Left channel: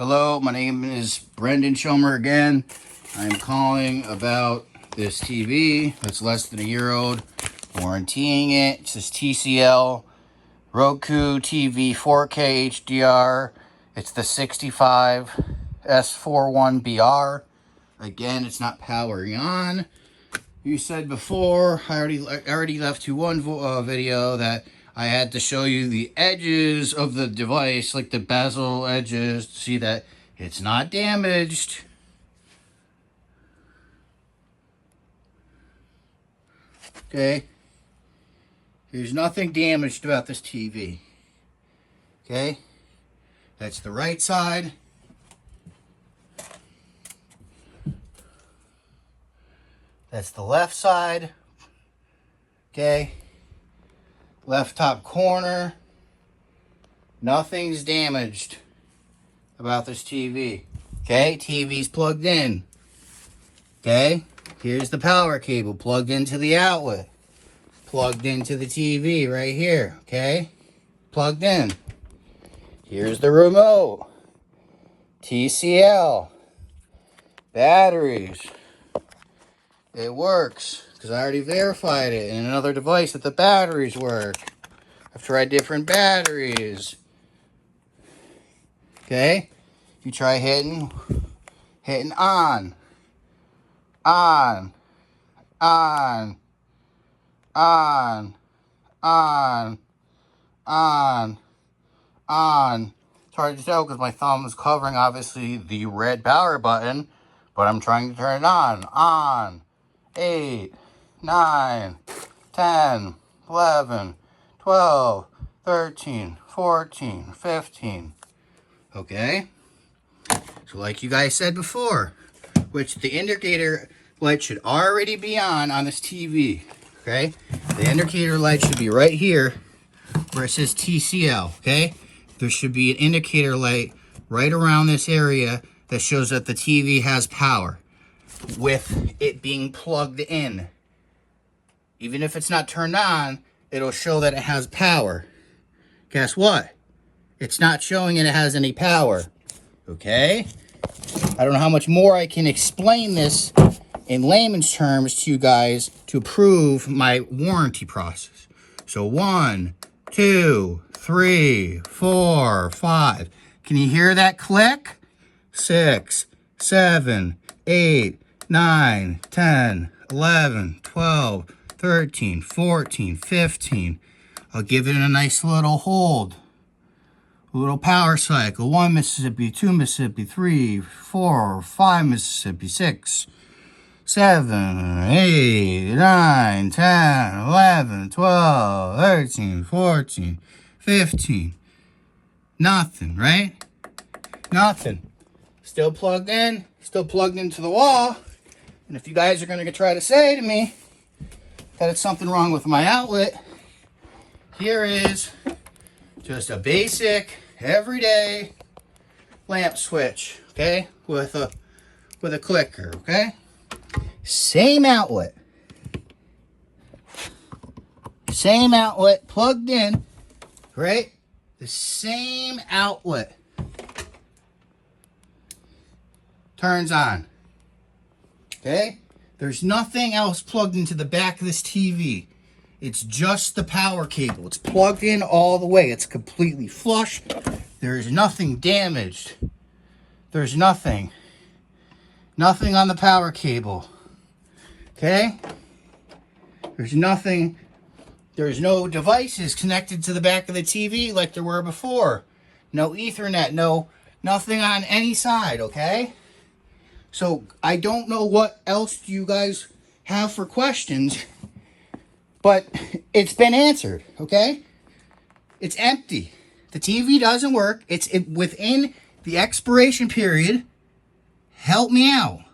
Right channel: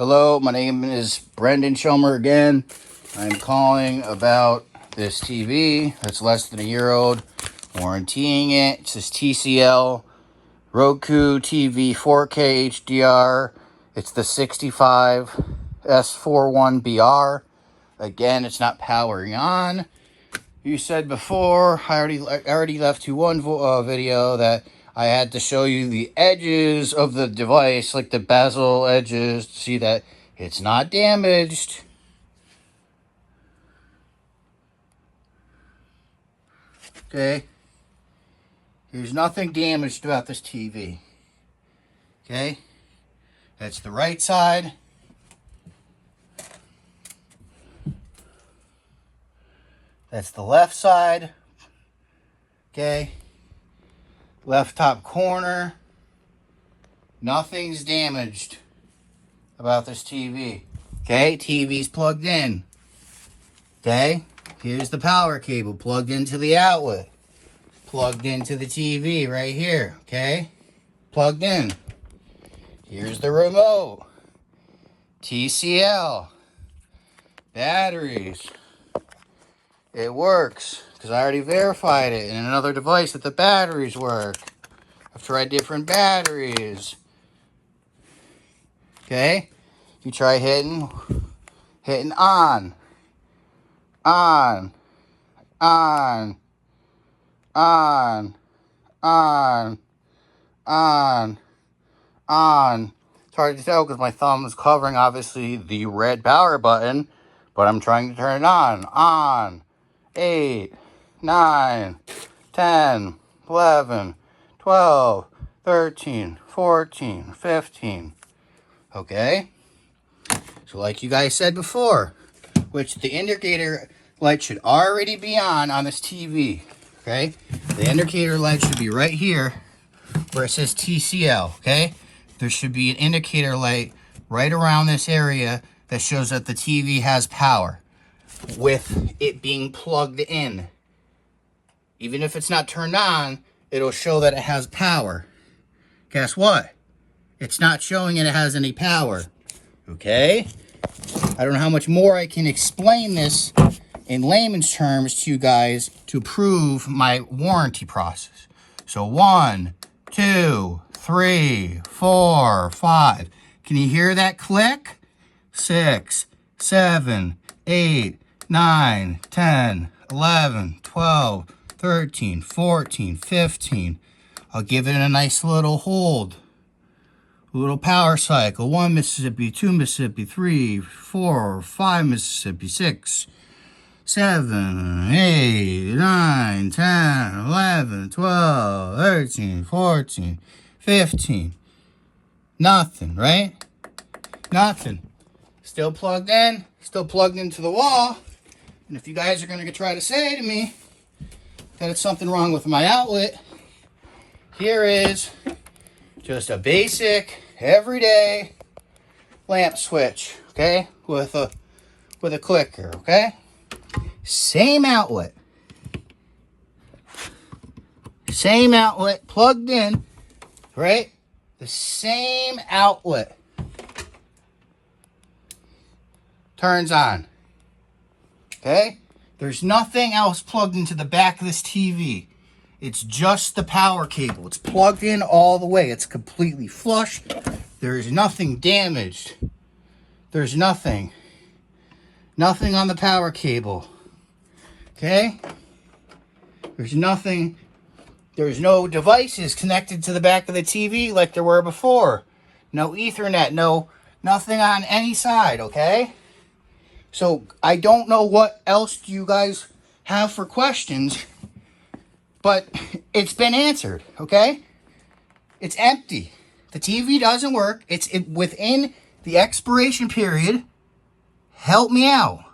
Hello, my name is Brendan Schomer again. I'm calling about this TV that's less than a year old. Warrantying it. It says TCL Roku TV 4K HDR. It's the 65 S41BR. Again, it's not powering on. You said before, I already left you one video that I had to show you the edges of the device, like the bezel edges, to see that it's not damaged. Okay. There's nothing damaged about this TV. Okay. That's the right side. That's the left side. Okay. Left top corner. Nothing's damaged about this TV. Okay, TV's plugged in. Okay, here's the power cable plugged into the outlet. Plugged into the TV right here. Okay, plugged in. Here's the remote. TCL. Batteries. It works, because I already verified it in another device that the batteries work. I've tried different batteries. Okay? You try hitting on. On. On. On. On. On. On. It's hard to tell because my thumb is covering, obviously, the red power button, but I'm trying to turn it on. On. 8, 9, 10, 11, 12, 13, 14, 15. Okay? So like you guys said before, which the indicator light should already be on this TV. Okay? The indicator light should be right here where it says TCL. Okay? There should be an indicator light right around this area that shows that the TV has power, with it being plugged in. Even if it's not turned on, it'll show that it has power. Guess what? It's not showing it has any power. Okay? I don't know how much more I can explain this in layman's terms to you guys to prove my warranty process. So 1, 2, 3, 4, 5. Can you hear that click? 6, 7, 8, 9, 10, 11, 12, 13, 14, 15. I'll give it a nice little hold. A little power cycle. 1 Mississippi, 2 Mississippi, 3, 4, 5 Mississippi, 6, 7, 8, 9, 10, 11, 12, 13, 14, 15. Nothing, right? Nothing. Still plugged in. Still plugged into the wall. And if you guys are going to try to say to me that it's something wrong with my outlet, here is just a basic, everyday lamp switch, okay, with a clicker, okay? Same outlet. Same outlet plugged in, right? The same outlet. Turns on. Okay? There's nothing else plugged into the back of this TV. It's just the power cable. It's plugged in all the way. It's completely flush. There's nothing damaged. There's nothing. Nothing on the power cable. Okay? There's nothing. There's no devices connected to the back of the TV like there were before. No Ethernet. Nothing on any side, okay? So, I don't know what else you guys have for questions, but it's been answered, okay? It's empty. The TV doesn't work. It's within the expiration period. Help me out.